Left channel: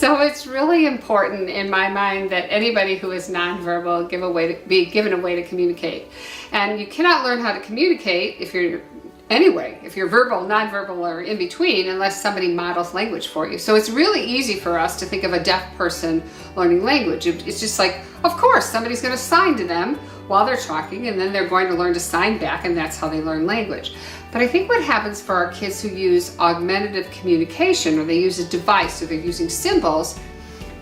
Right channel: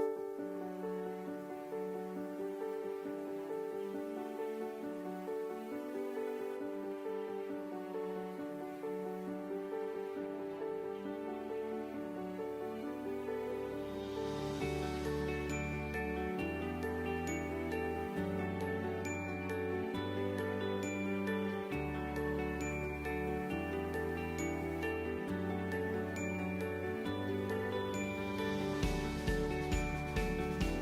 So it's really important in my mind that anybody who is nonverbal be given a way to communicate. And you cannot learn how to communicate if you're verbal, nonverbal, or in between, unless somebody models language for you. So it's really easy for us to think of a deaf person learning language. It's just like, of course, somebody's going to sign to them while they're talking, and then they're going to learn to sign back, and that's how they learn language. But I think what happens for our kids who use augmentative communication, or they use a device, or they're using symbols,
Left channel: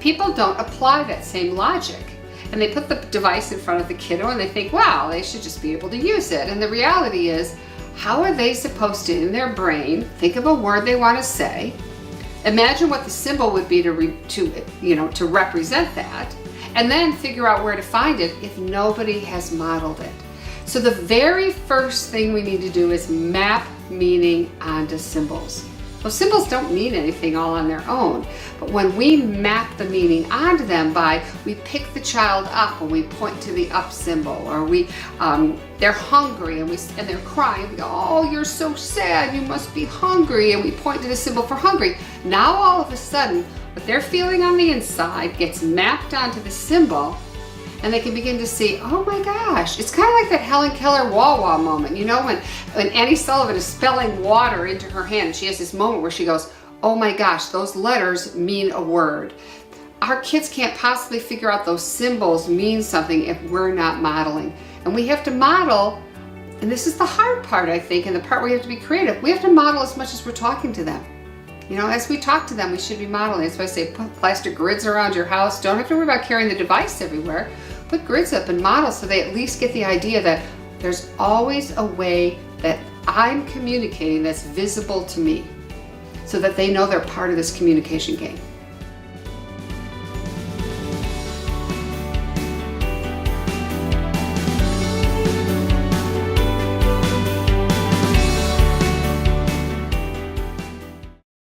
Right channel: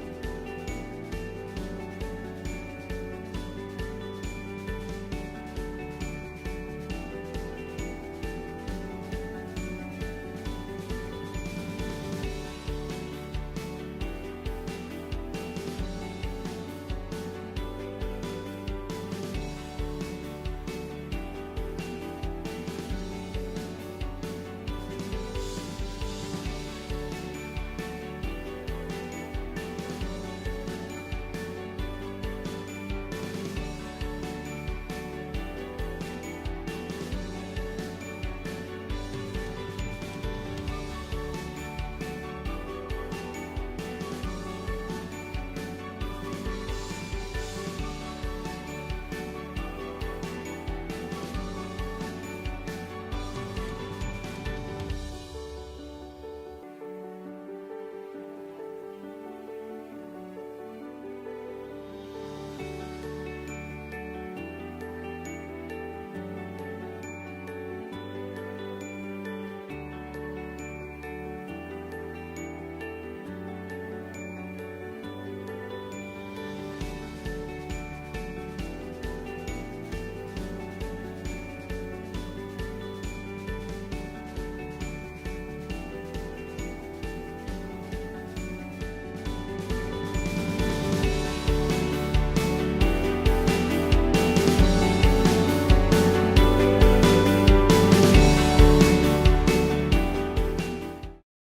people don't apply that same logic. And they put the device in front of the kiddo and they think, wow, they should just be able to use it. And the reality is, how are they supposed to, in their brain, think of a word they want to say, imagine what the symbol would be to represent that, and then figure out where to find it if nobody has modeled it. So the very first thing we need to do is map meaning onto symbols. Those symbols don't mean anything all on their own, but when we map the meaning onto them we pick the child up and we point to the up symbol, or they're hungry and they're crying, we go, oh, you're so sad, you must be hungry, and we point to the symbol for hungry. Now all of a sudden, what they're feeling on the inside gets mapped onto the symbol, and they can begin to see, oh my gosh, it's kind of like that Helen Keller wah-wah moment, when Annie Sullivan is spelling water into her hand, and she has this moment where she goes, oh my gosh, those letters mean a word. Our kids can't possibly figure out those symbols mean something if we're not modeling. And we have to model, and this is the hard part, I think, and the part where we have to be creative. We have to model as much as we're talking to them. As we talk to them, we should be modeling. That's why I say put plastic grids around your house. Don't have to worry about carrying the device everywhere. Put grids up and model so they at least get the idea that there's always a way that I'm communicating that's visible to me, so that they know they're part of this communication game.